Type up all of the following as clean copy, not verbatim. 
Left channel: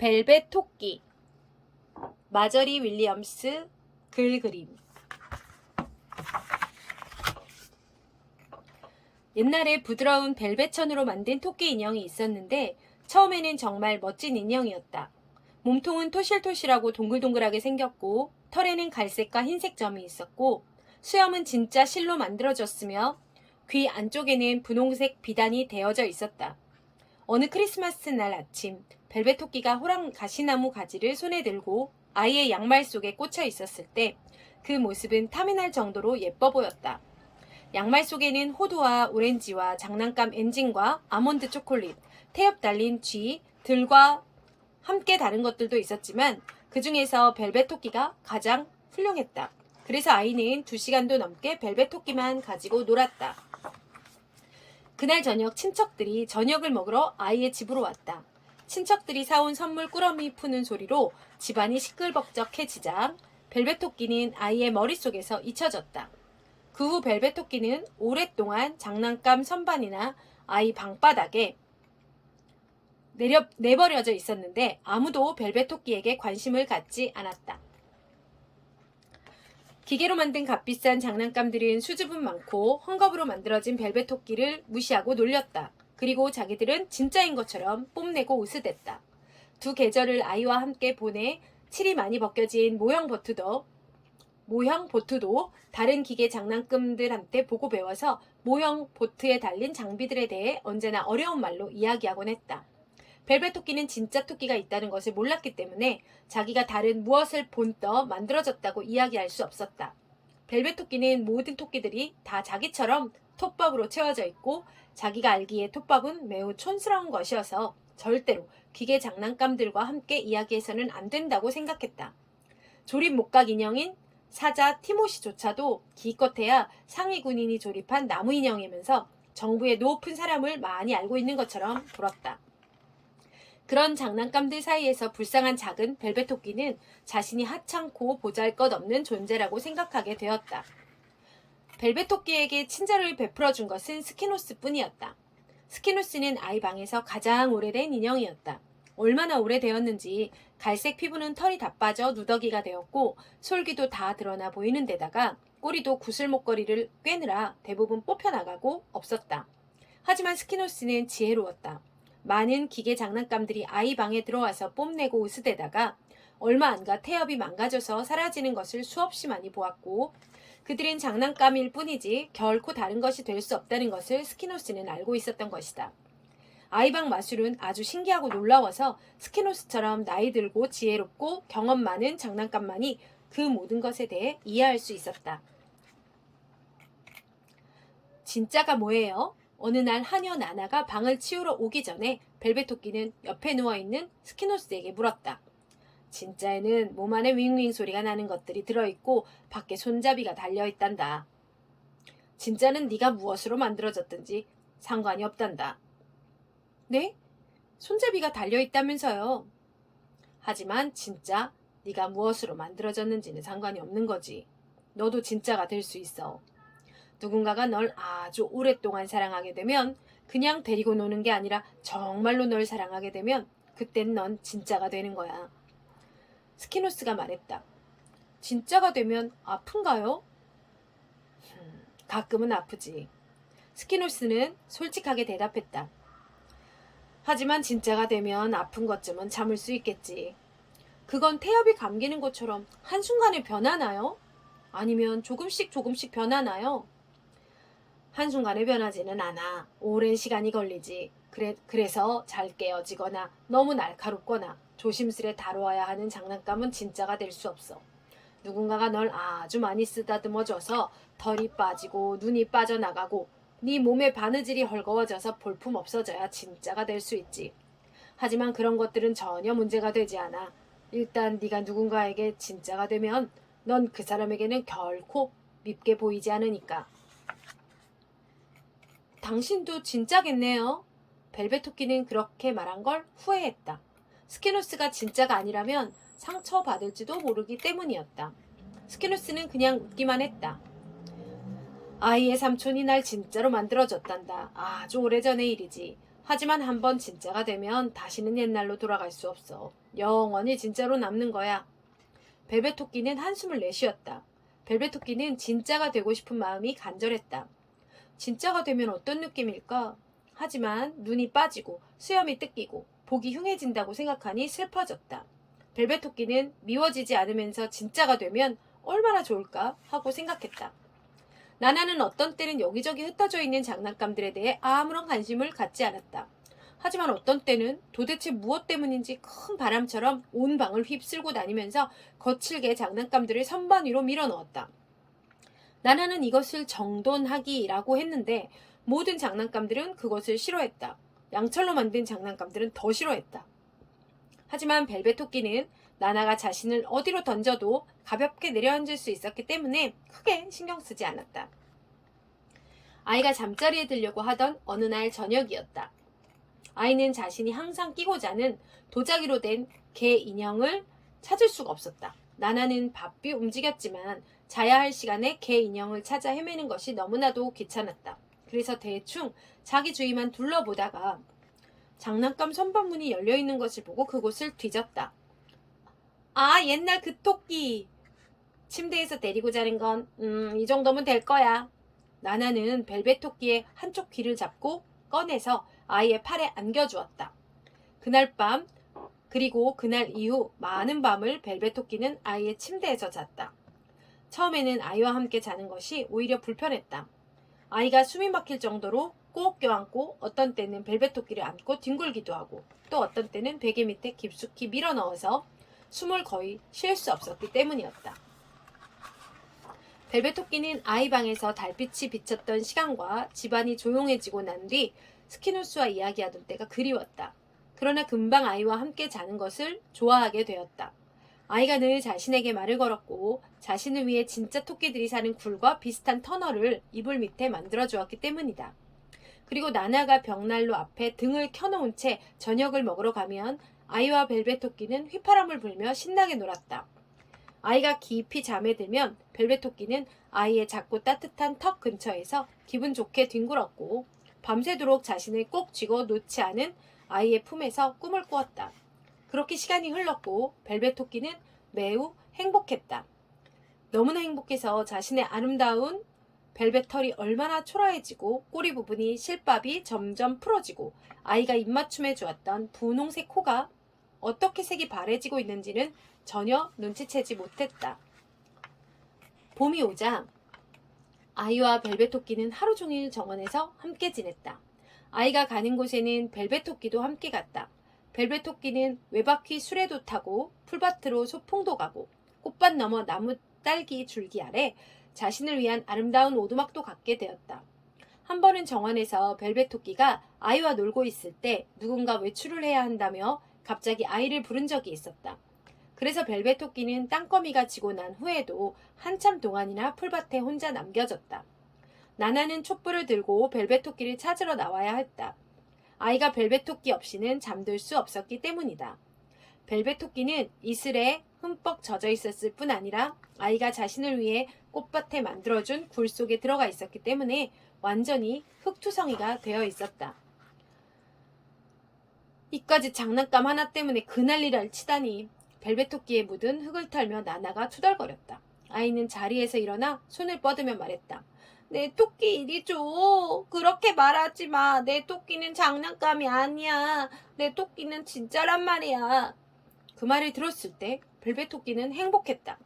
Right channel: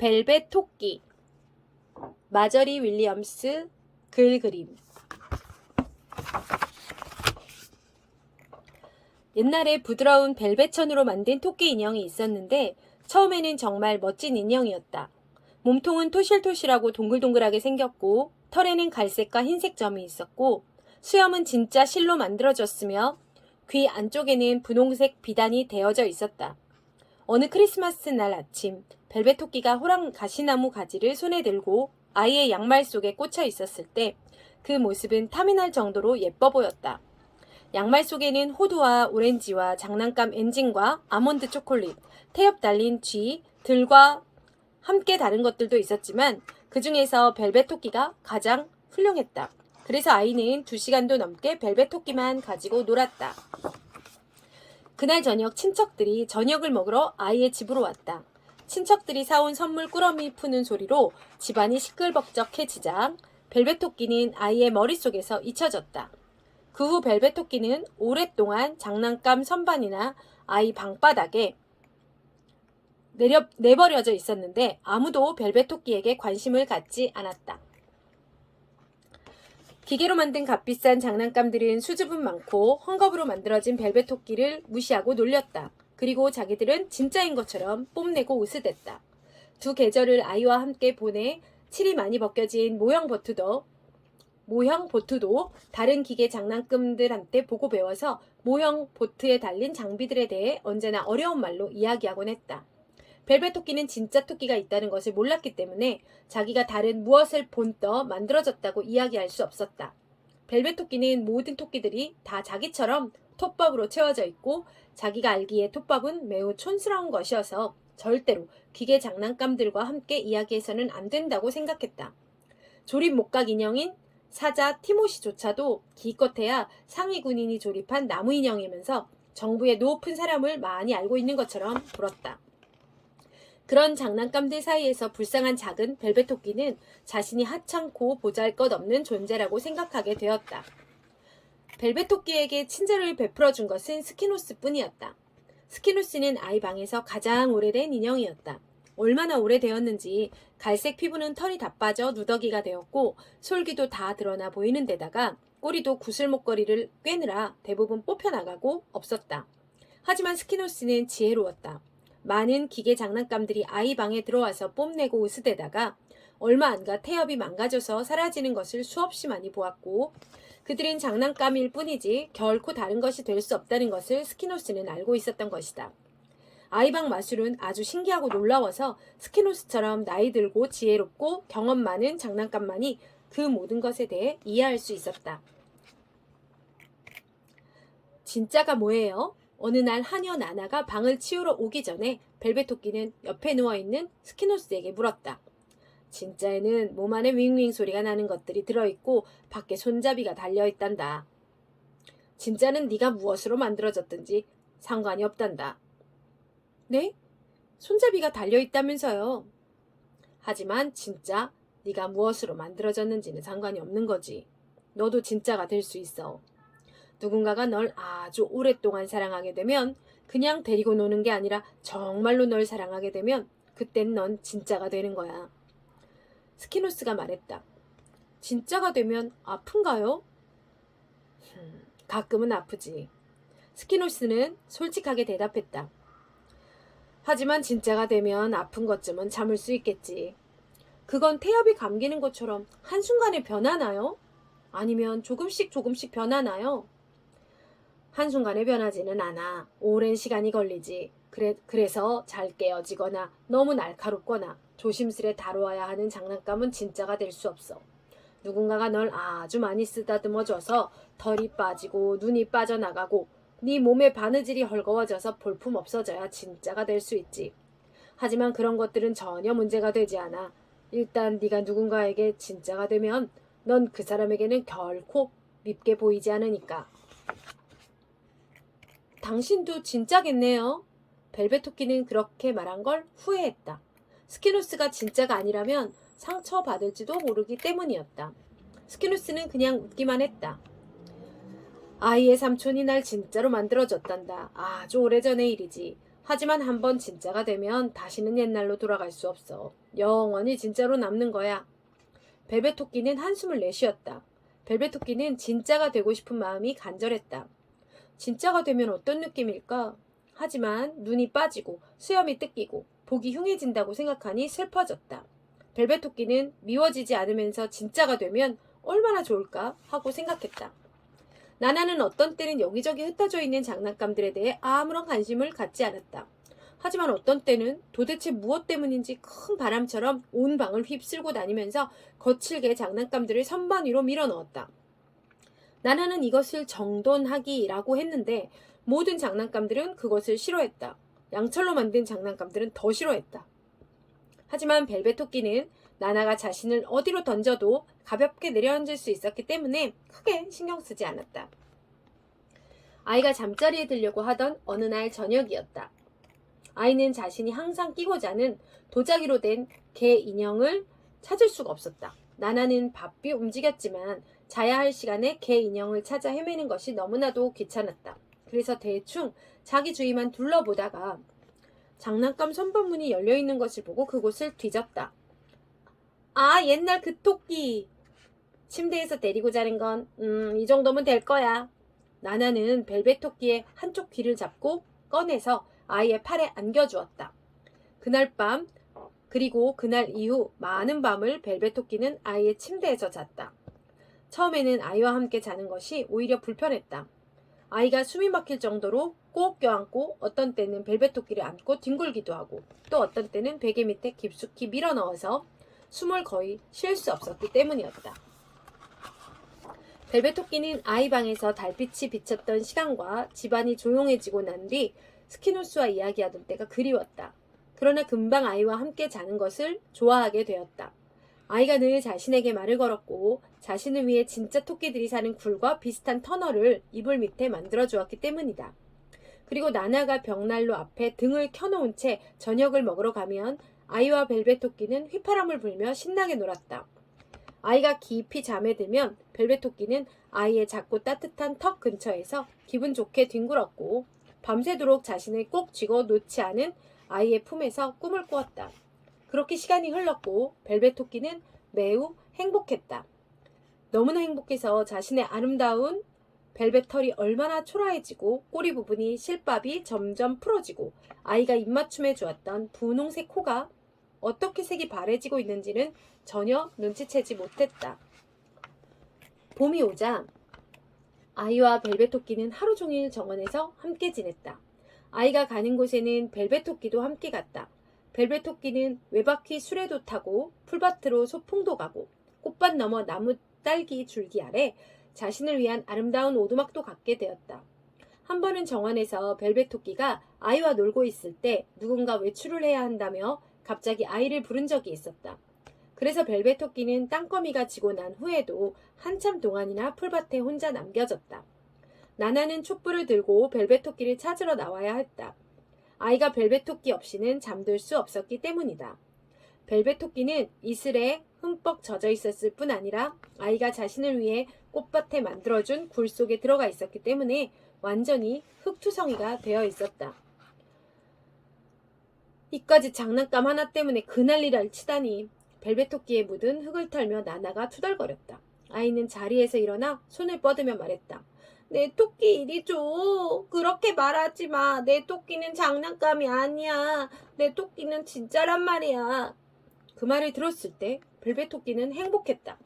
벨벳 토끼. 마저리 윌리엄스 글 그림. 옛날에 부드러운 벨벳천으로 만든 토끼 인형이 있었는데 처음에는 정말 멋진 인형이었다. 몸통은 토실토실하고 동글동글하게 생겼고 털에는 갈색과 흰색 점이 있었고 수염은 진짜 실로 만들어졌으며 귀 안쪽에는 분홍색 비단이 대어져 있었다. 어느 크리스마스 날 아침 벨벳 토끼가 호랑 가시나무 가지를 손에 들고 아이의 양말 속에 꽂혀 있었을 때 그 모습은 탐이 날 정도로 예뻐 보였다. 양말 속에는 호두와 오렌지와 장난감 엔진과 아몬드 초콜릿, 태엽 달린 쥐, 들과 함께 다른 것들도 있었지만 그 중에서 벨벳 토끼가 가장 훌륭했다. 그래서 아이는 2시간도 넘게 벨벳 토끼만 가지고 놀았다. 그날 저녁 친척들이 저녁을 먹으러 아이의 집으로 왔다. 친척들이 사온 선물 꾸러미 푸는 소리로 집안이 시끌벅적해지자 벨벳 토끼는 아이의 머릿속에서 잊혀졌다. 그 후 벨벳 토끼는 오랫동안 장난감 선반이나 아이 방바닥에 내버려져 있었는데 아무도 벨벳 토끼에게 관심을 갖지 않았다. 기계로 만든 값비싼 장난감들은 수줍음 많고 헝겊으로 만들어진 벨벳 토끼를 무시하고 놀렸다. 그리고 자기들은 진짜인 것처럼 뽐내고 으스댔다. 2 계절을 아이와 함께 보내 칠이 많이 벗겨진 모형 보트도 다른 기계 장난감들한테 보고 배워서 모형 보트에 달린 장비들에 대해 언제나 어려운 말로 이야기하곤 했다. 벨벳 토끼는 진짜 토끼가 있다는 것을 몰랐기 때문에 자기가 다른 무엇을 본떠 만들어졌다고 이야기할 수 없었다. 벨벳 토끼는 모든 토끼들이 다 자기처럼 톱밥으로 채워져 있고 자기가 알기에 톱밥은 매우 촌스러운 것이어서 절대로 기계 장난감들과 함께 이야기해서는 안 된다고 생각했다. 조립 목각 인형인 사자 티모시조차도 기껏해야 상위 군인이 조립한 나무 인형이면서 정부의 높은 사람을 많이 알고 있는 것처럼 보였다. 그런 장난감들 사이에서 불쌍한 작은 벨벳 토끼는 자신이 하찮고 보잘것없는 존재라고 생각하게 되었다. 벨벳 토끼에게 친절을 베풀어준 것은 스키노스 뿐이었다. 스키노스는 아이 방에서 가장 오래된 인형이었다. 얼마나 오래되었는지 갈색 피부는 털이 다 빠져 누더기가 되었고 솔기도 다 드러나 보이는 데다가 꼬리도 구슬목걸이를 꿰느라 대부분 뽑혀나가고 없었다. 하지만 스키노스는 지혜로웠다. 많은 기계 장난감들이 아이 방에 들어와서 뽐내고 으스대다가 얼마 안 가 태엽이 망가져서 사라지는 것을 수없이 많이 보았고 그들은 장난감일 뿐이지 결코 다른 것이 될 수 없다는 것을 스키노스는 알고 있었던 것이다. 아이방 마술은 아주 신기하고 놀라워서 스키노스처럼 나이 들고 지혜롭고 경험 많은 장난감만이 그 모든 것에 대해 이해할 수 있었다. 진짜가 뭐예요? 어느 날 하녀 나나가 방을 치우러 오기 전에 벨벳 토끼는 옆에 누워있는 스키노스에게 물었다. 진짜에는 몸 안에 윙윙 소리가 나는 것들이 들어있고 밖에 손잡이가 달려있단다. 진짜는 네가 무엇으로 만들어졌든지 상관이 없단다. 네? 손잡이가 달려있다면서요. 하지만 진짜 네가 무엇으로 만들어졌는지는 상관이 없는 거지. 너도 진짜가 될 수 있어. 누군가가 널 아주 오랫동안 사랑하게 되면 그냥 데리고 노는 게 아니라 정말로 널 사랑하게 되면 그땐 넌 진짜가 되는 거야. 스키노스가 말했다. 진짜가 되면 아픈가요? 가끔은 아프지. 스키노스는 솔직하게 대답했다. 하지만 진짜가 되면 아픈 것쯤은 참을 수 있겠지. 그건 태엽이 감기는 것처럼 한순간에 변하나요? 아니면 조금씩 변하나요? 한순간에 변하지는 않아. 오랜 시간이 걸리지. 그래서 잘 깨어지거나 너무 날카롭거나 조심스레 다루어야 하는 장난감은 진짜가 될 수 없어. 누군가가 널 아주 많이 쓰다듬어줘서 털이 빠지고 눈이 빠져나가고 네 몸의 바느질이 헐거워져서 볼품 없어져야 진짜가 될 수 있지. 하지만 그런 것들은 전혀 문제가 되지 않아. 일단 네가 누군가에게 진짜가 되면 넌 그 사람에게는 결코 밉게 보이지 않으니까. 당신도 진짜겠네요. 벨벳 토끼는 그렇게 말한 걸 후회했다. 스키노스가 진짜가 아니라면 상처받을지도 모르기 때문이었다. 스키노스는 그냥 웃기만 했다. 아이의 삼촌이 날 진짜로 만들어줬단다. 아주 오래전의 일이지. 하지만 한번 진짜가 되면 다시는 옛날로 돌아갈 수 없어. 영원히 진짜로 남는 거야. 벨벳 토끼는 한숨을 내쉬었다. 벨벳 토끼는 진짜가 되고 싶은 마음이 간절했다. 진짜가 되면 어떤 느낌일까? 하지만 눈이 빠지고 수염이 뜯기고 복이 흉해진다고 생각하니 슬퍼졌다. 벨벳 토끼는 미워지지 않으면서 진짜가 되면 얼마나 좋을까 하고 생각했다. 나나는 어떤 때는 여기저기 흩어져 있는 장난감들에 대해 아무런 관심을 갖지 않았다. 하지만 어떤 때는 도대체 무엇 때문인지 큰 바람처럼 온 방을 휩쓸고 다니면서 거칠게 장난감들을 선반 위로 밀어넣었다. 나나는 이것을 정돈하기라고 했는데 모든 장난감들은 그것을 싫어했다. 양철로 만든 장난감들은 더 싫어했다. 하지만 벨벳 토끼는 나나가 자신을 어디로 던져도 가볍게 내려앉을 수 있었기 때문에 크게 신경 쓰지 않았다. 아이가 잠자리에 들려고 하던 어느 날 저녁이었다. 아이는 자신이 항상 끼고 자는 도자기로 된 개 인형을 찾을 수가 없었다. 나나는 바삐 움직였지만 자야 할 시간에 개 인형을 찾아 헤매는 것이 너무나도 귀찮았다. 그래서 대충 자기 주위만 둘러보다가 장난감 선반문이 열려있는 것을 보고 그곳을 뒤졌다. 아, 옛날 그 토끼. 침대에서 데리고 자는 건 이 정도면 될 거야. 나나는 벨벳 토끼의 한쪽 귀를 잡고 꺼내서 아이의 팔에 안겨주었다. 그날 밤 그리고 그날 이후 많은 밤을 벨벳 토끼는 아이의 침대에서 잤다. 처음에는 아이와 함께 자는 것이 오히려 불편했다. 아이가 숨이 막힐 정도로 꼭 껴안고 어떤 때는 벨벳 토끼를 안고 뒹굴기도 하고 또 어떤 때는 베개 밑에 깊숙이 밀어넣어서 숨을 거의 쉴 수 없었기 때문이었다. 벨벳 토끼는 아이 방에서 달빛이 비쳤던 시간과 집안이 조용해지고 난 뒤 스키누스와 이야기하던 때가 그리웠다. 그러나 금방 아이와 함께 자는 것을 좋아하게 되었다. 아이가 늘 자신에게 말을 걸었고 자신을 위해 진짜 토끼들이 사는 굴과 비슷한 터널을 이불 밑에 만들어 주었기 때문이다. 그리고 나나가 벽난로 앞에 등을 켜놓은 채 저녁을 먹으러 가면 아이와 벨벳 토끼는 휘파람을 불며 신나게 놀았다. 아이가 깊이 잠에 들면 벨벳 토끼는 아이의 작고 따뜻한 턱 근처에서 기분 좋게 뒹굴었고 밤새도록 자신을 꼭 쥐고 놓지 않은 아이의 품에서 꿈을 꾸었다. 그렇게 시간이 흘렀고 벨벳 토끼는 매우 행복했다. 너무나 행복해서 자신의 아름다운 벨벳 털이 얼마나 초라해지고 꼬리 부분이 실밥이 점점 풀어지고 아이가 입맞춤해 주었던 분홍색 코가 어떻게 색이 바래지고 있는지는 전혀 눈치채지 못했다. 봄이 오자 아이와 벨벳 토끼는 하루 종일 정원에서 함께 지냈다. 아이가 가는 곳에는 벨벳 토끼도 함께 갔다. 벨벳 토끼는 외바퀴 수레도 타고 풀밭으로 소풍도 가고 꽃밭 너머 나무 딸기 줄기 아래 자신을 위한 아름다운 오두막도 갖게 되었다. 한 번은 정원에서 벨벳 토끼가 아이와 놀고 있을 때 누군가 외출을 해야 한다며 갑자기 아이를 부른 적이 있었다. 그래서 벨벳 토끼는 땅거미가 지고 난 후에도 한참 동안이나 풀밭에 혼자 남겨졌다. 나나는 촛불을 들고 벨벳 토끼를 찾으러 나와야 했다. 아이가 벨벳 토끼 없이는 잠들 수 없었기 때문이다. 벨벳 토끼는 이슬에 흠뻑 젖어 있었을 뿐 아니라 아이가 자신을 위해 꽃밭에 만들어준 굴 속에 들어가 있었기 때문에 완전히 흙투성이가 되어 있었다. 이까지 장난감 하나 때문에 그 난리를 치다니. 벨벳 토끼에 묻은 흙을 털며 나나가 투덜거렸다. 아이는 자리에서 일어나 손을 뻗으며 말했다. 내 토끼 이리 줘. 그렇게 말하지 마. 내 토끼는 장난감이 아니야. 내 토끼는 진짜란 말이야. 그 말을 들었을 때 벨벳 토끼는 행복했다.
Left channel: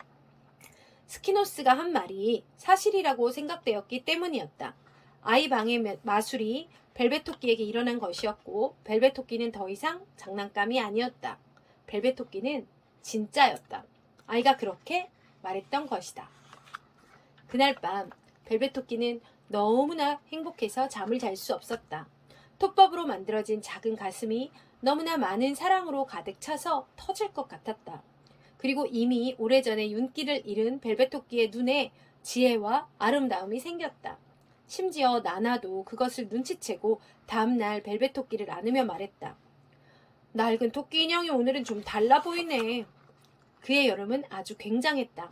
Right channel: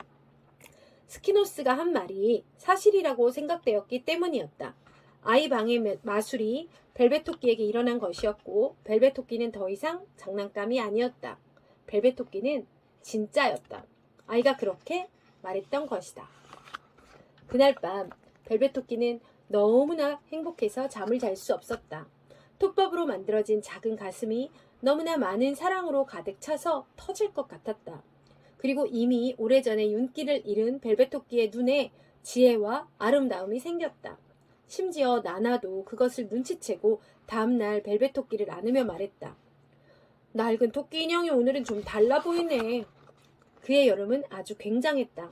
스키노스가 한 말이 사실이라고 생각되었기 때문이었다. 아이 방의 마술이 벨벳 토끼에게 일어난 것이었고 벨벳 토끼는 더 이상 장난감이 아니었다. 벨벳 토끼는 진짜였다. 아이가 그렇게 말했던 것이다. 그날 밤 벨벳 토끼는 너무나 행복해서 잠을 잘 수 없었다. 톱밥으로 만들어진 작은 가슴이 너무나 많은 사랑으로 가득 차서 터질 것 같았다. 그리고 이미 오래전에 윤기를 잃은 벨벳 토끼의 눈에 지혜와 아름다움이 생겼다. 심지어 나나도 그것을 눈치채고 다음날 벨벳 토끼를 안으며 말했다. 낡은 토끼 인형이 오늘은 좀 달라 보이네. 그의 여름은 아주 굉장했다.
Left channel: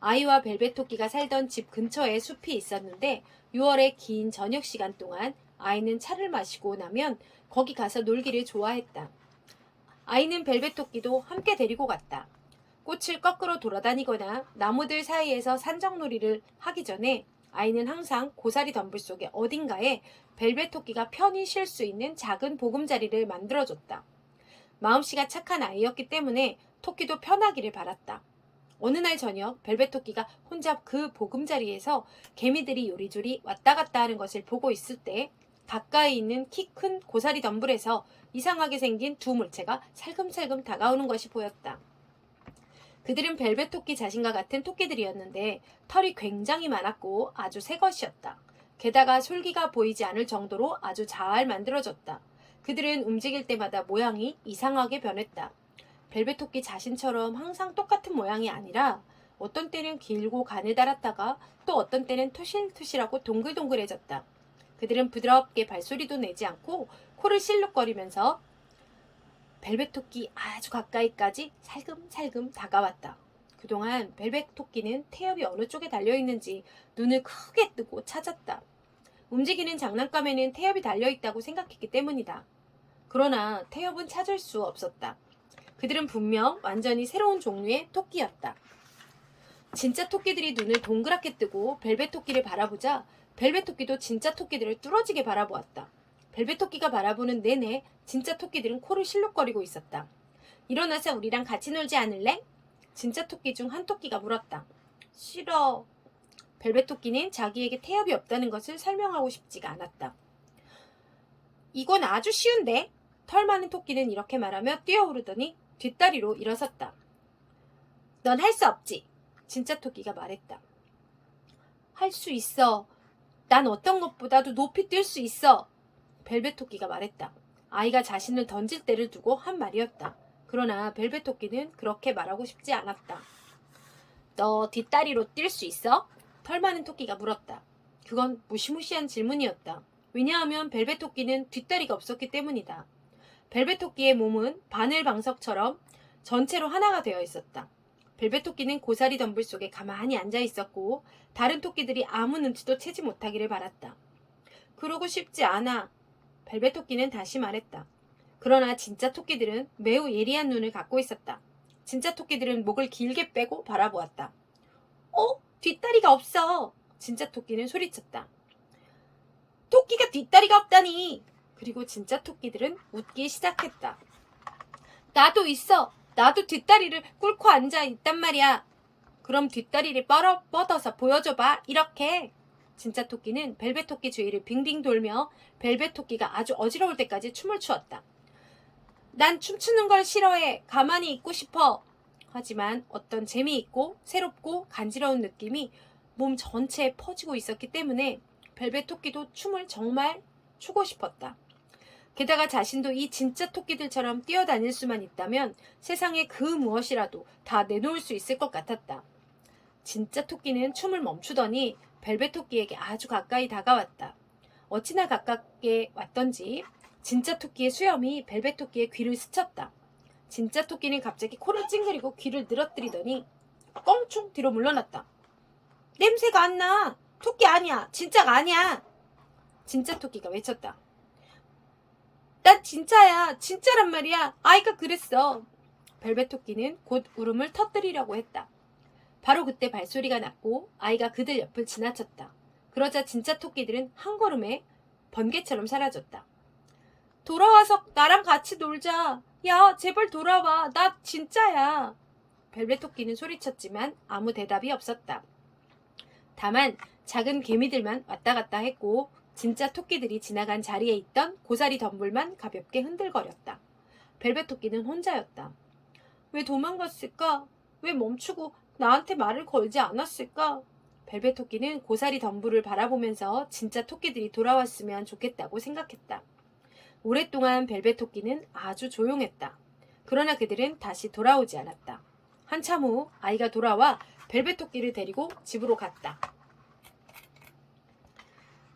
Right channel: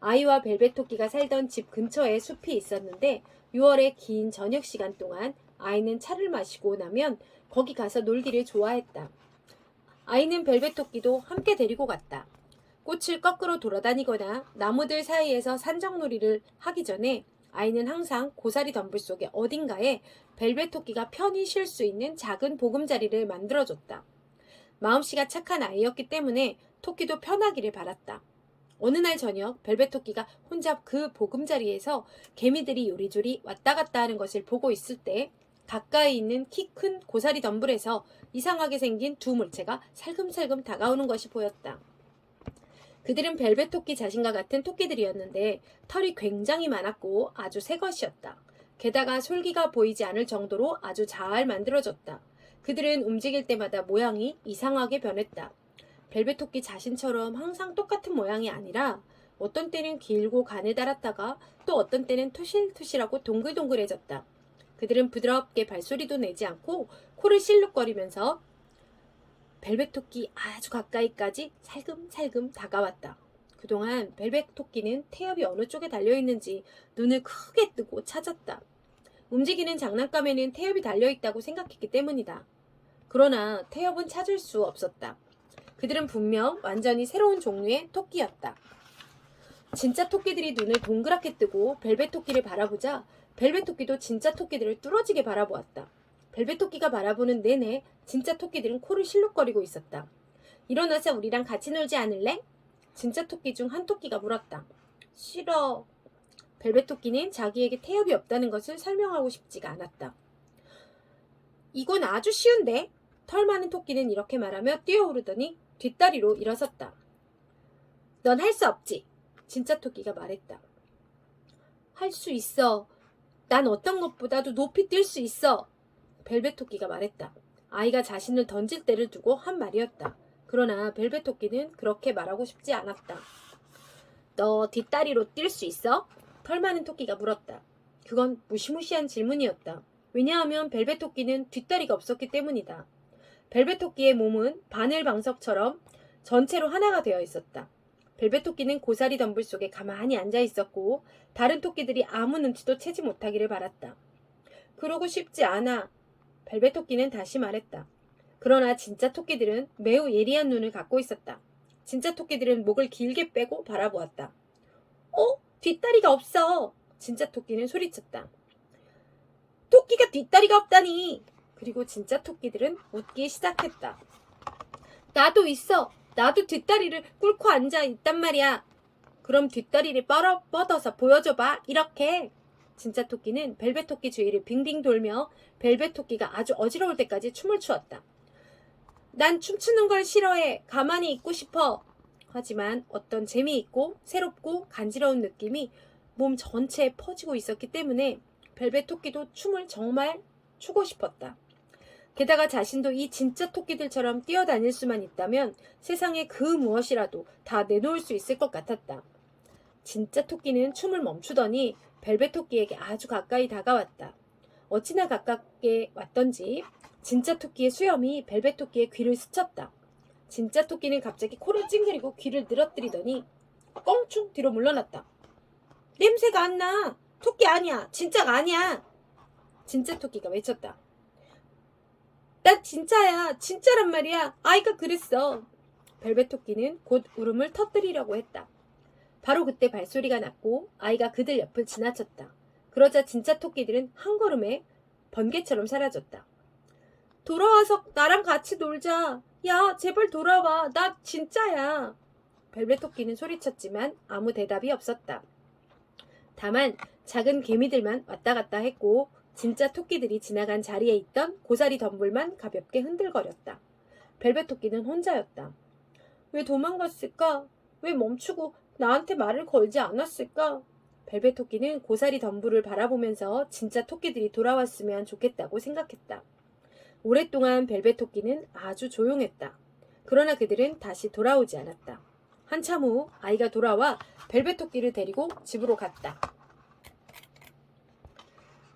아이와 벨벳 토끼가 살던 집 근처에 숲이 있었는데 6월의 긴 저녁 시간 동안 아이는 차를 마시고 나면 거기 가서 놀기를 좋아했다. 아이는 벨벳 토끼도 함께 데리고 갔다. 꽃을 거꾸로 돌아다니거나 나무들 사이에서 산적놀이를 하기 전에 아이는 항상 고사리 덤불 속의 어딘가에 벨벳 토끼가 편히 쉴 수 있는 작은 보금자리를 만들어줬다. 마음씨가 착한 아이였기 때문에 토끼도 편하기를 바랐다. 어느 날 저녁 벨벳 토끼가 혼자 그 보금자리에서 개미들이 요리조리 왔다 갔다 하는 것을 보고 있을 때 가까이 있는 키 큰 고사리 덤불에서 이상하게 생긴 두 물체가 살금살금 다가오는 것이 보였다. 그들은 벨벳 토끼 자신과 같은 토끼들이었는데 털이 굉장히 많았고 아주 새 것이었다. 게다가 솔기가 보이지 않을 정도로 아주 잘 만들어졌다. 그들은 움직일 때마다 모양이 이상하게 변했다. 벨벳 토끼 자신처럼 항상 똑같은 모양이 아니라 어떤 때는 길고 가느다랗다가 또 어떤 때는 투실투실하고 동글동글해졌다. 그들은 부드럽게 발소리도 내지 않고 코를 실룩거리면서 벨벳 토끼 아주 가까이까지 살금살금 다가왔다. 그동안 벨벳 토끼는 태엽이 어느 쪽에 달려있는지 눈을 크게 뜨고 찾았다. 움직이는 장난감에는 태엽이 달려있다고 생각했기 때문이다. 그러나 태엽은 찾을 수 없었다. 그들은 분명 완전히 새로운 종류의 토끼였다. 진짜 토끼들이 눈을 동그랗게 뜨고 벨벳 토끼를 바라보자 벨벳 토끼도 진짜 토끼들을 뚫어지게 바라보았다. 벨벳 토끼가 바라보는 내내 진짜 토끼들은 코를 실룩거리고 있었다. 일어나서 우리랑 같이 놀지 않을래? 진짜 토끼 중 한 토끼가 물었다. 싫어. 벨벳 토끼는 자기에게 태엽이 없다는 것을 설명하고 싶지가 않았다. 이건 아주 쉬운데? 털 많은 토끼는 이렇게 말하며 뛰어오르더니 뒷다리로 일어섰다. 넌 할 수 없지. 진짜 토끼가 말했다. 할 수 있어. 난 어떤 것보다도 높이 뛸 수 있어. 벨벳 토끼가 말했다. 아이가 자신을 던질 때를 두고 한 말이었다. 그러나 벨벳 토끼는 그렇게 말하고 싶지 않았다. 너 뒷다리로 뛸 수 있어? 털 많은 토끼가 물었다. 그건 무시무시한 질문이었다. 왜냐하면 벨벳 토끼는 뒷다리가 없었기 때문이다. 벨벳 토끼의 몸은 바늘 방석처럼 전체로 하나가 되어 있었다. 벨벳 토끼는 고사리 덤불 속에 가만히 앉아 있었고 다른 토끼들이 아무 눈치도 채지 못하기를 바랐다. 그러고 싶지 않아. 벨벳 토끼는 다시 말했다. 그러나 진짜 토끼들은 매우 예리한 눈을 갖고 있었다. 진짜 토끼들은 목을 길게 빼고 바라보았다. 뒷다리가 없어. 진짜 토끼는 소리쳤다. 토끼가 뒷다리가 없다니. 그리고 진짜 토끼들은 웃기 시작했다. 나도 있어. 나도 뒷다리를 꿇고 앉아 있단 말이야. 그럼 뒷다리를 뻗어서 보여줘봐. 이렇게. 진짜 토끼는 벨벳 토끼 주위를 빙빙 돌며 벨벳 토끼가 아주 어지러울 때까지 춤을 추었다. 난 춤추는 걸 싫어해. 가만히 있고 싶어. 하지만 어떤 재미있고 새롭고 간지러운 느낌이 몸 전체에 퍼지고 있었기 때문에 벨벳 토끼도 춤을 정말 추고 싶었다. 게다가 자신도 이 진짜 토끼들처럼 뛰어다닐 수만 있다면 세상에 그 무엇이라도 다 내놓을 수 있을 것 같았다. 진짜 토끼는 춤을 멈추더니 벨벳 토끼에게 아주 가까이 다가왔다. 어찌나 가깝게 왔던지 진짜 토끼의 수염이 벨벳 토끼의 귀를 스쳤다. 진짜 토끼는 갑자기 코를 찡그리고 귀를 늘어뜨리더니 껑충 뒤로 물러났다. 냄새가 안 나. 토끼 아니야. 진짜가 아니야. 진짜 토끼가 외쳤다. 난 진짜야. 진짜란 말이야. 아이가 그랬어. 벨벳 토끼는 곧 울음을 터뜨리려고 했다. 바로 그때 발소리가 났고 아이가 그들 옆을 지나쳤다. 그러자 진짜 토끼들은 한 걸음에 번개처럼 사라졌다. 돌아와서 나랑 같이 놀자. 야, 제발 돌아와. 나 진짜야. 벨벳 토끼는 소리쳤지만 아무 대답이 없었다. 다만 작은 개미들만 왔다 갔다 했고 진짜 토끼들이 지나간 자리에 있던 고사리 덤불만 가볍게 흔들거렸다. 벨벳 토끼는 혼자였다. 왜 도망갔을까? 왜 멈추고 나한테 말을 걸지 않았을까? 벨벳 토끼는 고사리 덤불을 바라보면서 진짜 토끼들이 돌아왔으면 좋겠다고 생각했다. 오랫동안 벨벳 토끼는 아주 조용했다. 그러나 그들은 다시 돌아오지 않았다. 한참 후 아이가 돌아와 벨벳 토끼를 데리고 집으로 갔다.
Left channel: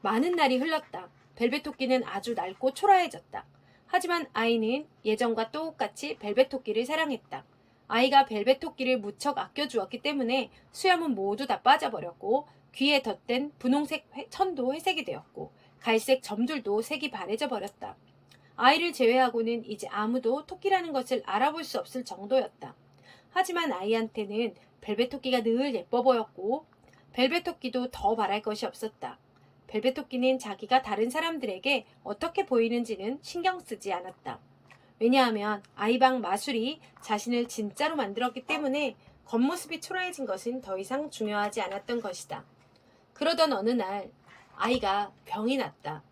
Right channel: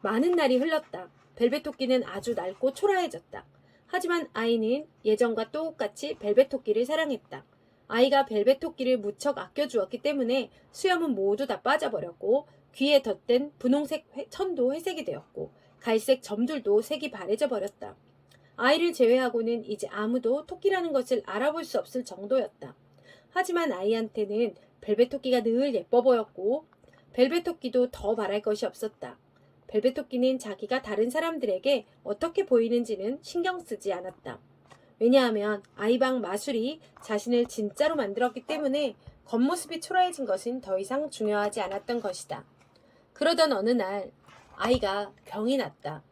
많은 날이 흘렀다. 벨벳 토끼는 아주 낡고 초라해졌다. 하지만 아이는 예전과 똑같이 벨벳 토끼를 사랑했다. 아이가 벨벳 토끼를 무척 아껴주었기 때문에 수염은 모두 다 빠져버렸고 귀에 덧댄 분홍색 천도 회색이 되었고 갈색 점들도 색이 바래져 버렸다. 아이를 제외하고는 이제 아무도 토끼라는 것을 알아볼 수 없을 정도였다. 하지만 아이한테는 벨벳 토끼가 늘 예뻐 보였고 벨벳 토끼도 더 바랄 것이 없었다. 벨벳 토끼는 자기가 다른 사람들에게 어떻게 보이는지는 신경 쓰지 않았다. 왜냐하면 아이방 마술이 자신을 진짜로 만들었기 때문에 겉모습이 초라해진 것은 더 이상 중요하지 않았던 것이다. 그러던 어느 날 아이가 병이 났다.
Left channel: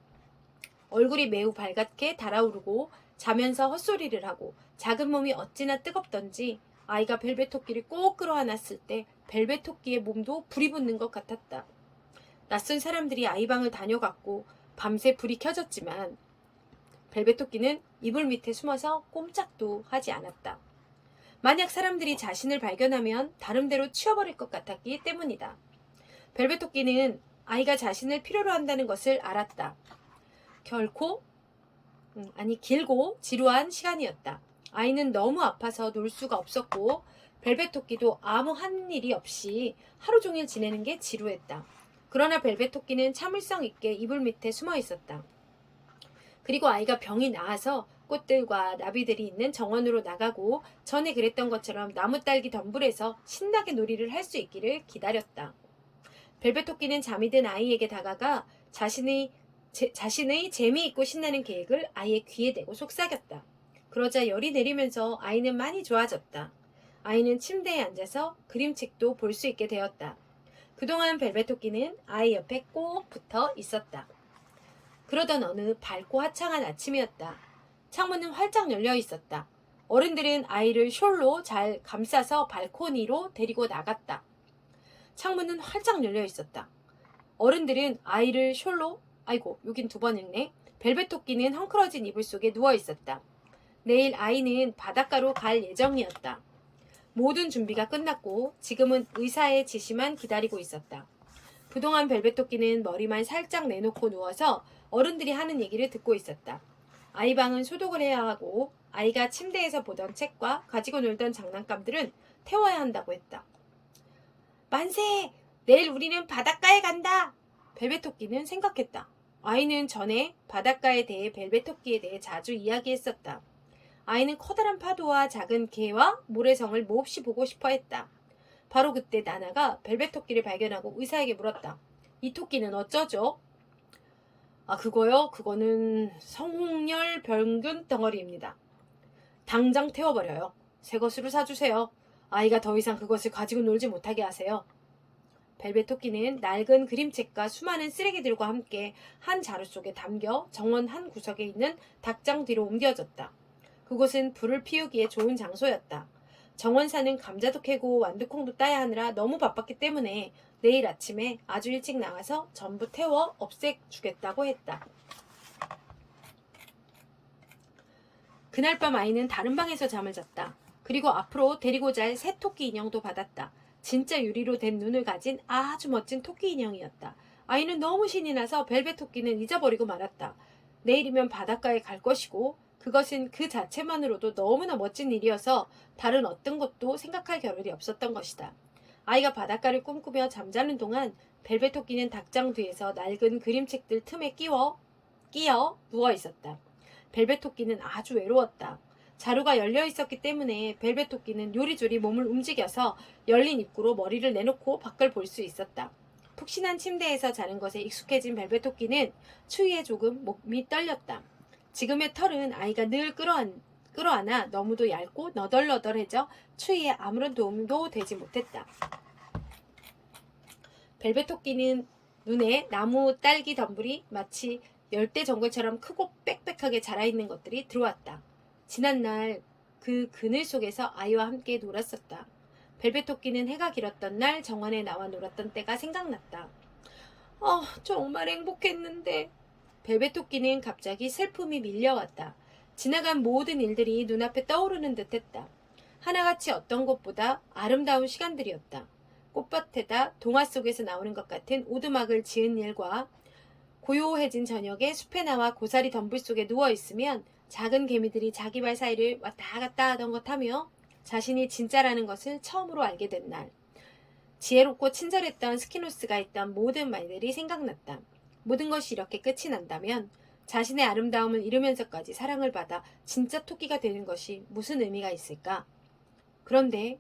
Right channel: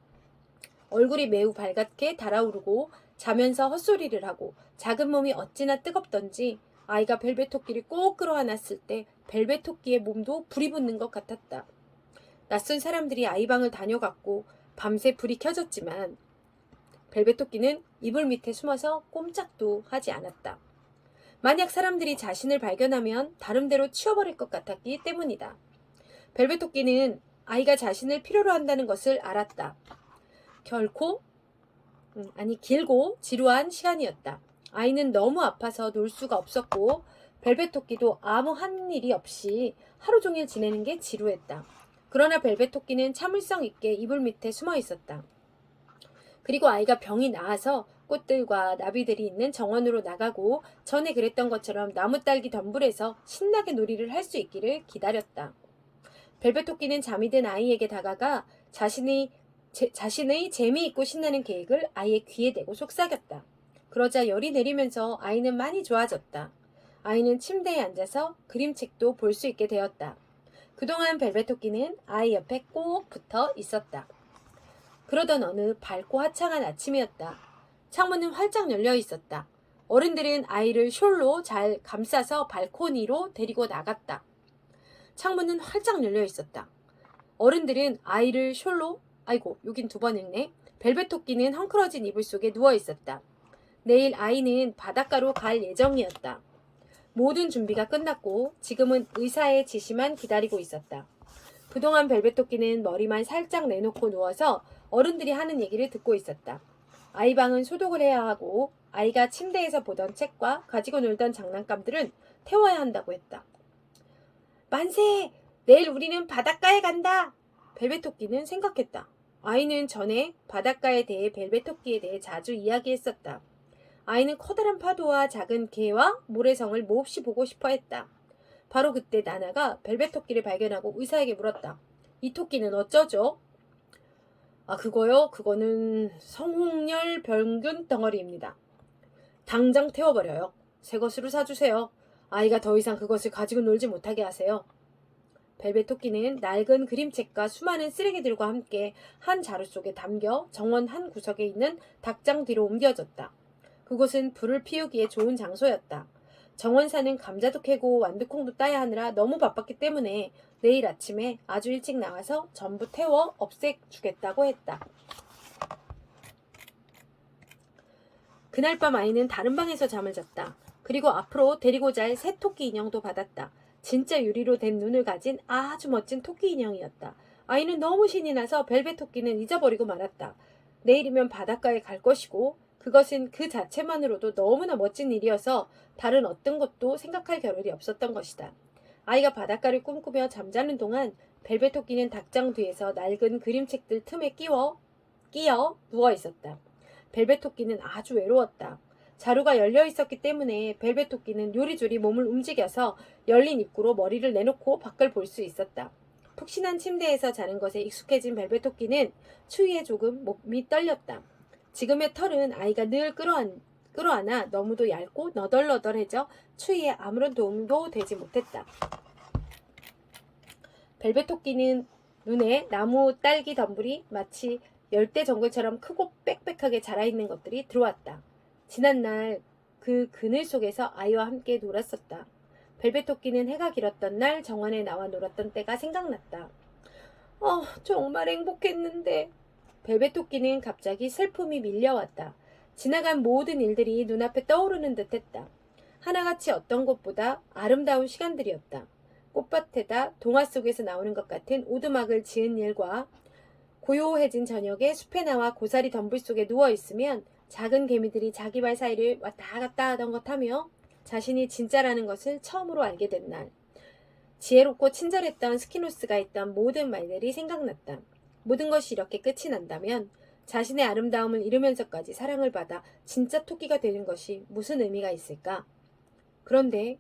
얼굴이 매우 밝게 달아오르고 자면서 헛소리를 하고 작은 몸이 어찌나 뜨겁던지 아이가 벨벳 토끼를 꼭 끌어안았을 때 벨벳 토끼의 몸도 불이 붙는 것 같았다. 낯선 사람들이 아이방을 다녀갔고 밤새 불이 켜졌지만 벨벳 토끼는 이불 밑에 숨어서 꼼짝도 하지 않았다. 만약 사람들이 자신을 발견하면 다름대로 치워버릴 것 같았기 때문이다. 벨벳 토끼는 아이가 자신을 필요로 한다는 것을 알았다. 길고 지루한 시간이었다. 아이는 너무 아파서 놀 수가 없었고 벨벳 토끼도 아무 한 일이 없이 하루 종일 지내는 게 지루했다. 그러나 벨벳 토끼는 참을성 있게 이불 밑에 숨어 있었다. 그리고 아이가 병이 나아서 꽃들과 나비들이 있는 정원으로 나가고 전에 그랬던 것처럼 나무딸기 덤불에서 신나게 놀이를 할 수 있기를 기다렸다. 벨벳 토끼는 잠이 든 아이에게 다가가 자신의 재미있고 신나는 계획을 아이의 귀에 대고 속삭였다. 그러자 열이 내리면서 아이는 많이 좋아졌다. 아이는 침대에 앉아서 그림책도 볼 수 있게 되었다. 그동안 벨벳 토끼는 아이 옆에 꼭 붙어 있었다. 그러던 어느 밝고 화창한 아침이었다. 창문은 활짝 열려 있었다. 어른들은 아이를 숄로 잘 감싸서 발코니로 데리고 나갔다. 창문은 활짝 열려 있었다. 어른들은 아이를 숄로, 여긴 두 번 읽네. 벨벳 토끼는 헝클어진 이불 속에 누워 있었다. 내일 아이는 바닷가로 갈 예정이었다. 모든 준비가 끝났고 지금은 의사의 지시만 기다리고 있었다. 그동안 벨벳 토끼는 머리만 살짝 내놓고 누워서 어른들이 하는 얘기를 듣고 있었다. 아이 방은 소독을 해야 하고 아이가 침대에서 보던 책과 가지고 놀던 장난감들은 태워야 한다고 했다. 만세! 내일 우리는 바닷가에 간다! 벨벳 토끼는 생각했다. 아이는 전에 바닷가에 대해 벨벳 토끼에 대해 자주 이야기했었다. 아이는 커다란 파도와 작은 개와 모래성을 몹시 보고 싶어 했다. 바로 그때 나나가 벨벳 토끼를 발견하고 의사에게 물었다. 이 토끼는 어쩌죠? 그거요? 그거는 성홍열 병균 덩어리입니다. 당장 태워버려요. 새 것으로 사주세요. 아이가 더 이상 그것을 가지고 놀지 못하게 하세요. 벨벳 토끼는 낡은 그림책과 수많은 쓰레기들과 함께 한 자루 속에 담겨 정원 한 구석에 있는 닭장 뒤로 옮겨졌다. 그곳은 불을 피우기에 좋은 장소였다. 정원사는 감자도 캐고 완두콩도 따야 하느라 너무 바빴기 때문에 내일 아침에 아주 일찍 나가서 전부 태워 없애주겠다고 했다. 그날 밤 아이는 다른 방에서 잠을 잤다. 그리고 앞으로 데리고 잘 새 토끼 인형도 받았다. 진짜 유리로 된 눈을 가진 아주 멋진 토끼 인형이었다. 아이는 너무 신이 나서 벨벳 토끼는 잊어버리고 말았다. 내일이면 바닷가에 갈 것이고 그것은 그 자체만으로도 너무나 멋진 일이어서 다른 어떤 것도 생각할 겨를이 없었던 것이다. 아이가 바닷가를 꿈꾸며 잠자는 동안 벨벳 토끼는 닭장 뒤에서 낡은 그림책들 틈에 끼어 누워 있었다. 벨벳 토끼는 아주 외로웠다. 자루가 열려 있었기 때문에 벨벳 토끼는 요리조리 몸을 움직여서 열린 입구로 머리를 내놓고 밖을 볼 수 있었다. 푹신한 침대에서 자는 것에 익숙해진 벨벳 토끼는 추위에 조금 몸이 떨렸다. 지금의 털은 아이가 늘 끌어안아 너무도 얇고 너덜너덜해져 추위에 아무런 도움도 되지 못했다. 벨벳 토끼는 눈에 나무 딸기 덤불이 마치 열대 정글처럼 크고 빽빽하게 자라있는 것들이 들어왔다. 지난날 그 그늘 속에서 아이와 함께 놀았었다. 벨벳 토끼는 해가 길었던 날 정원에 나와 놀았던 때가 생각났다. 정말 행복했는데. 벨벳 토끼는 갑자기 슬픔이 밀려왔다. 지나간 모든 일들이 눈앞에 떠오르는 듯했다. 하나같이 어떤 것보다 아름다운 시간들이었다. 꽃밭에다 동화 속에서 나오는 것 같은 오두막을 지은 일과 고요해진 저녁에 숲에 나와 고사리 덤불 속에 누워있으면 작은 개미들이 자기 발 사이를 왔다 갔다 하던 것 하며 자신이 진짜라는 것을 처음으로 알게 된 날. 지혜롭고 친절했던 스키노스가 했던 모든 말들이 생각났다. 모든 것이 이렇게 끝이 난다면 자신의 아름다움을 잃으면서까지 사랑을 받아 진짜 토끼가 되는 것이 무슨 의미가 있을까? 그런데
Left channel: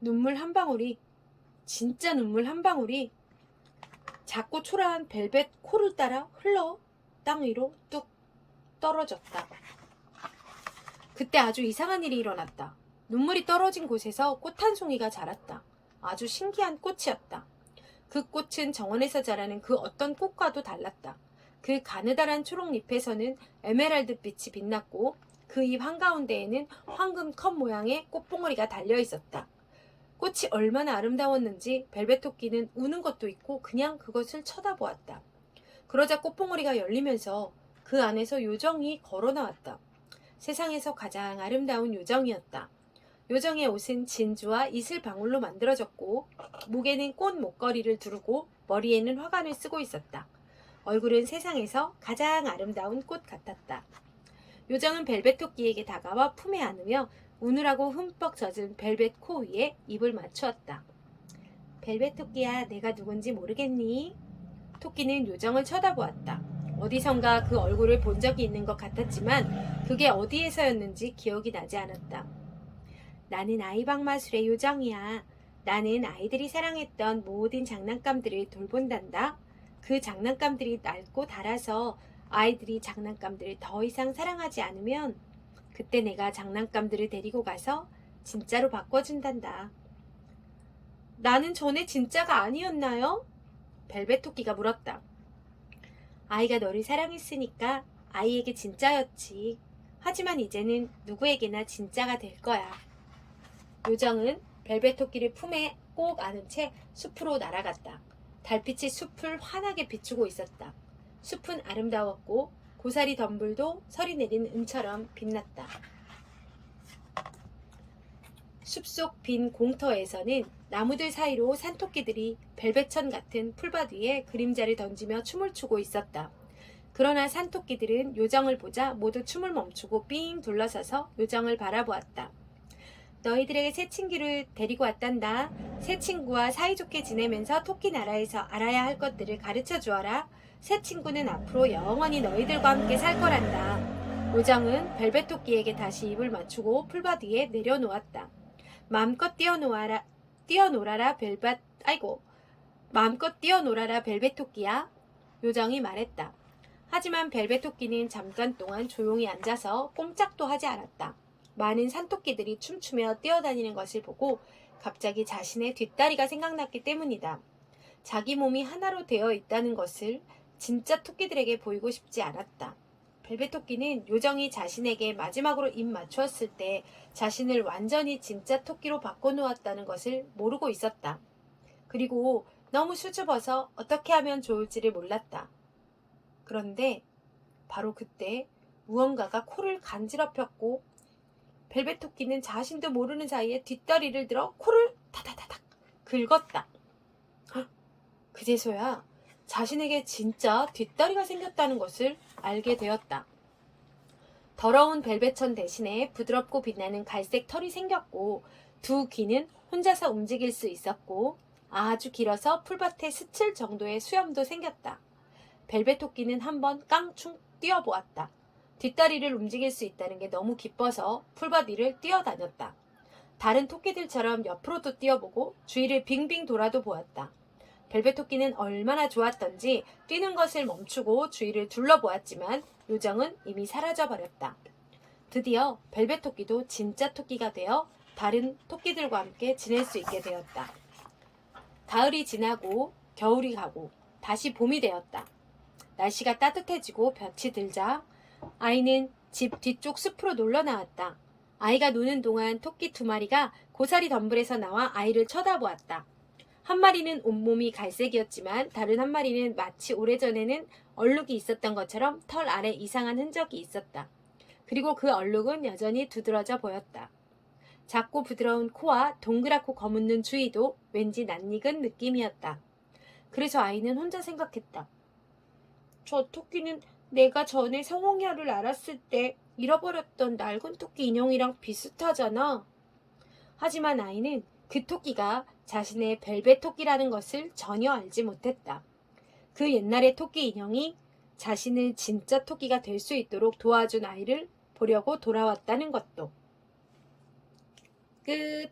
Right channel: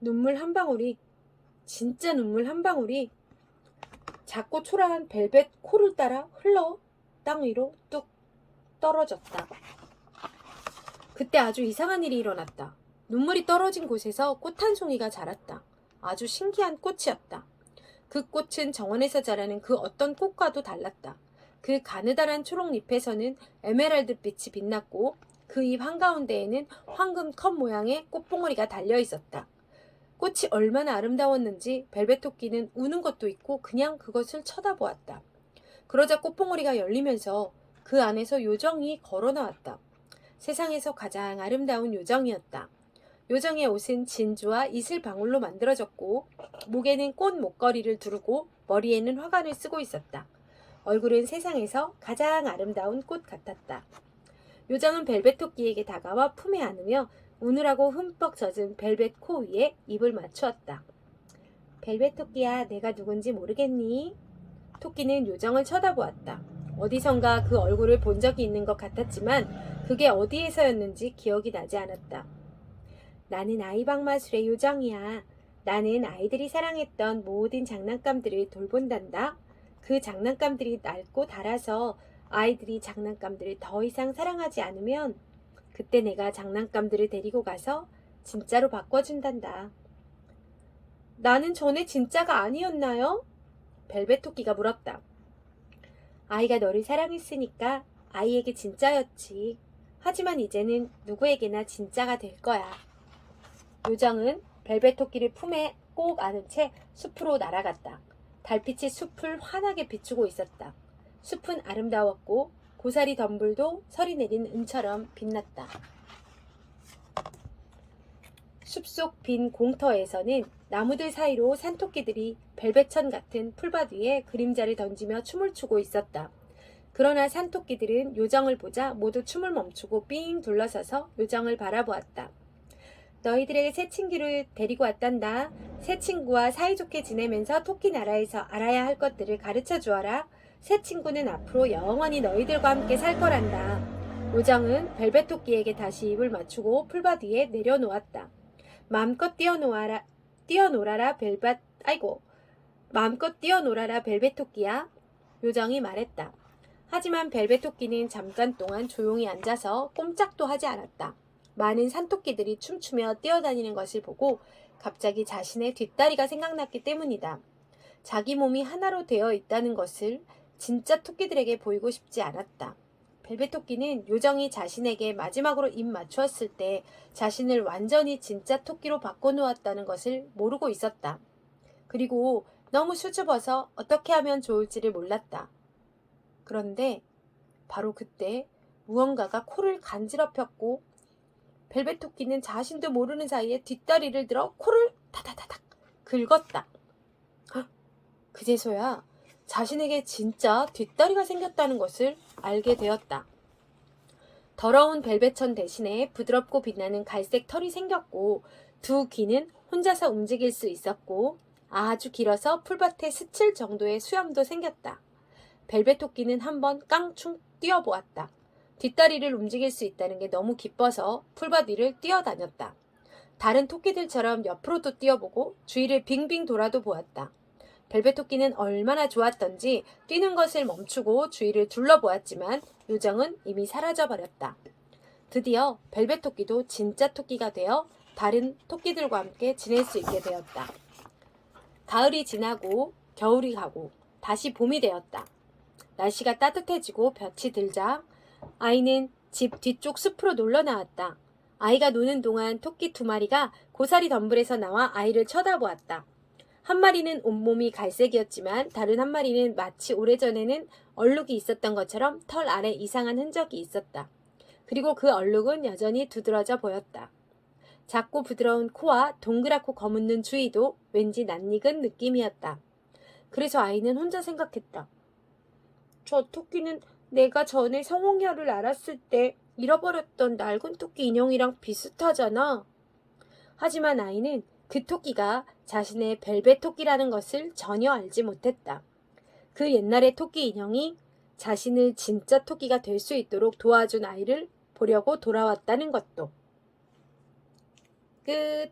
눈물 한 방울이, 진짜 눈물 한 방울이 작고 초라한 벨벳 코를 따라 흘러 땅 위로 뚝 떨어졌다. 그때 아주 이상한 일이 일어났다. 눈물이 떨어진 곳에서 꽃 한 송이가 자랐다. 아주 신기한 꽃이었다. 그 꽃은 정원에서 자라는 그 어떤 꽃과도 달랐다. 그 가느다란 초록잎에서는 에메랄드 빛이 빛났고 그 잎 한가운데에는 황금 컵 모양의 꽃봉오리가 달려 있었다. 꽃이 얼마나 아름다웠는지 벨벳 토끼는 우는 것도 있고 그냥 그것을 쳐다보았다. 그러자 꽃봉오리가 열리면서 그 안에서 요정이 걸어 나왔다. 세상에서 가장 아름다운 요정이었다. 요정의 옷은 진주와 이슬방울로 만들어졌고 목에는 꽃 목걸이를 두르고 머리에는 화관을 쓰고 있었다. 얼굴은 세상에서 가장 아름다운 꽃 같았다. 요정은 벨벳 토끼에게 다가와 품에 안으며 우느라고 흠뻑 젖은 벨벳 코 위에 입을 맞추었다. 벨벳 토끼야, 내가 누군지 모르겠니? 토끼는 요정을 쳐다보았다. 어디선가 그 얼굴을 본 적이 있는 것 같았지만 그게 어디에서였는지 기억이 나지 않았다. 나는 아이방마술의 요정이야. 나는 아이들이 사랑했던 모든 장난감들을 돌본단다. 그 장난감들이 낡고 닳아서 아이들이 장난감들을 더 이상 사랑하지 않으면 그때 내가 장난감들을 데리고 가서 진짜로 바꿔준단다. 나는 전에 진짜가 아니었나요? 벨벳 토끼가 물었다. 아이가 너를 사랑했으니까 아이에게 진짜였지. 하지만 이제는 누구에게나 진짜가 될 거야. 요정은 벨벳 토끼를 품에 꼭 안은 채 숲으로 날아갔다. 달빛이 숲을 환하게 비추고 있었다. 숲은 아름다웠고 고사리 덤불도 서리 내린 은처럼 빛났다. 숲속 빈 공터에서는 나무들 사이로 산토끼들이 벨벳천 같은 풀밭 위에 그림자를 던지며 춤을 추고 있었다. 그러나 산토끼들은 요정을 보자 모두 춤을 멈추고 삥 둘러서서 요정을 바라보았다. 너희들에게 새 친구를 데리고 왔단다. 새 친구와 사이좋게 지내면서 토끼 나라에서 알아야 할 것들을 가르쳐 주어라. 새 친구는 앞으로 영원히 너희들과 함께 살 거란다. 요정은 벨벳 토끼에게 다시 입을 맞추고 풀밭 위에 내려놓았다. 마음껏 뛰어놀아라 벨벳 토끼야. 요정이 말했다. 하지만 벨벳 토끼는 잠깐 동안 조용히 앉아서 꼼짝도 하지 않았다. 많은 산토끼들이 춤추며 뛰어다니는 것을 보고 갑자기 자신의 뒷다리가 생각났기 때문이다. 자기 몸이 하나로 되어 있다는 것을 진짜 토끼들에게 보이고 싶지 않았다. 벨벳 토끼는 요정이 자신에게 마지막으로 입 맞추었을 때 자신을 완전히 진짜 토끼로 바꿔놓았다는 것을 모르고 있었다. 그리고 너무 수줍어서 어떻게 하면 좋을지를 몰랐다. 그런데 바로 그때 무언가가 코를 간지럽혔고 벨벳 토끼는 자신도 모르는 사이에 뒷다리를 들어 코를 타다다닥 긁었다. 그제서야 자신에게 진짜 뒷다리가 생겼다는 것을 알게 되었다. 더러운 벨벳천 대신에 부드럽고 빛나는 갈색 털이 생겼고 두 귀는 혼자서 움직일 수 있었고 아주 길어서 풀밭에 스칠 정도의 수염도 생겼다. 벨벳 토끼는 한번 깡충 뛰어보았다. 뒷다리를 움직일 수 있다는 게 너무 기뻐서 풀밭 위를 뛰어다녔다. 다른 토끼들처럼 옆으로도 뛰어보고 주위를 빙빙 돌아도 보았다. 벨벳 토끼는 얼마나 좋았던지 뛰는 것을 멈추고 주위를 둘러보았지만 요정은 이미 사라져버렸다. 드디어 벨벳 토끼도 진짜 토끼가 되어 다른 토끼들과 함께 지낼 수 있게 되었다. 가을이 지나고 겨울이 가고 다시 봄이 되었다. 날씨가 따뜻해지고 볕이 들자 아이는 집 뒤쪽 숲으로 놀러 나왔다. 아이가 노는 동안 토끼 두 마리가 고사리 덤불에서 나와 아이를 쳐다보았다. 한 마리는 온몸이 갈색이었지만 다른 한 마리는 마치 오래전에는 얼룩이 있었던 것처럼 털 아래 이상한 흔적이 있었다. 그리고 그 얼룩은 여전히 두드러져 보였다. 작고 부드러운 코와 동그랗고 검은 눈 주위도 왠지 낯익은 느낌이었다. 그래서 아이는 혼자 생각했다. 저 토끼는 내가 전에 성홍야를 알았을 때 잃어버렸던 낡은 토끼 인형이랑 비슷하잖아. 하지만 아이는 그 토끼가 자신의 벨벳 토끼라는 것을 전혀 알지 못했다. 그 옛날의 토끼 인형이 자신을 진짜 토끼가 될 수 있도록 도와준 아이를 보려고 돌아왔다는 것도. 끝.